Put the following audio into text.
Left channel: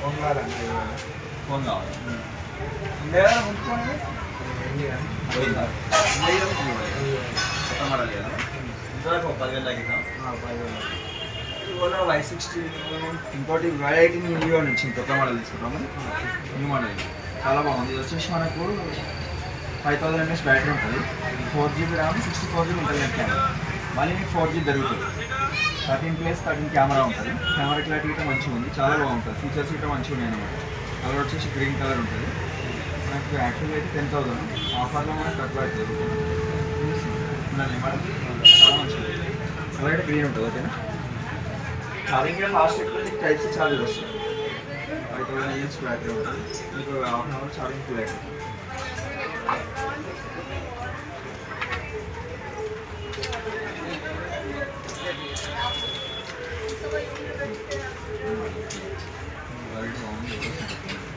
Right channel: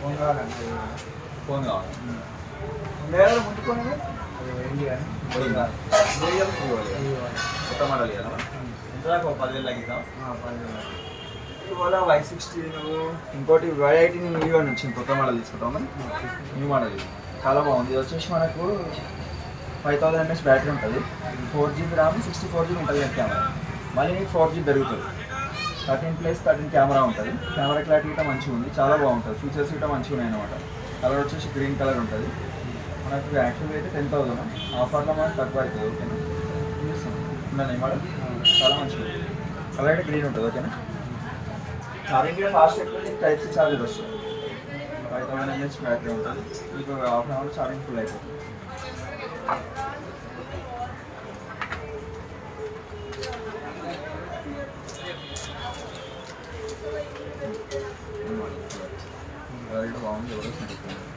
phone కావాలన్న phone కావాలి ఉండే కదా ముట్టుకొని ఏంటి కానీ కొత్త మోడల్ కదా ఎంత దాకా 10,000 తగ్గిద్దాం 10,000 ఇవాళ Y16 ఇంకోటి Y18 న్యూ అని వచ్చింది కొత్త మోడల్ తీసుకుంటాం మరి న్యూ మోడల్ చాలా బాగుంది ఇది వచ్చేసి మనకు 5000 mAh బ్యాటరీ ఉంటుంది 4GB ర్యామ్ 64GB ఉంటుంది కెమెరా మళ్ళీ మీకు 4G దొరుకుతుంది 13+13 కెమెరా ఉంటుంది కెమెరా క్లారిటీ కూడా మంచిగా ఉంది చాలా బాగుంటుంది ఫీచర్స్ కూడా మంచిగా ఉన్నాయి అనమాట కలర్ వచ్చేసి గ్రీన్ కలర్ ఉంటుంది మనకు యాక్చువల్గా అయితే 10,000 ఆఫర్లో మనకు తక్కువ అవుతుంది ఓకేనా ఉండండి మేడం చాలా మంచిగా కలర్ అయితే గ్రీన్ ఉంటుంది ఓకేనా ఛార్జింగ్ కూడా ఫాస్ట్ ఎక్కువ టైప్ సి ఛార్జర్ వస్తుంది 5000 mAh బ్యాటరీ ఉంటుంది మీకు half an hour charging full అవుతుంది బాగుంది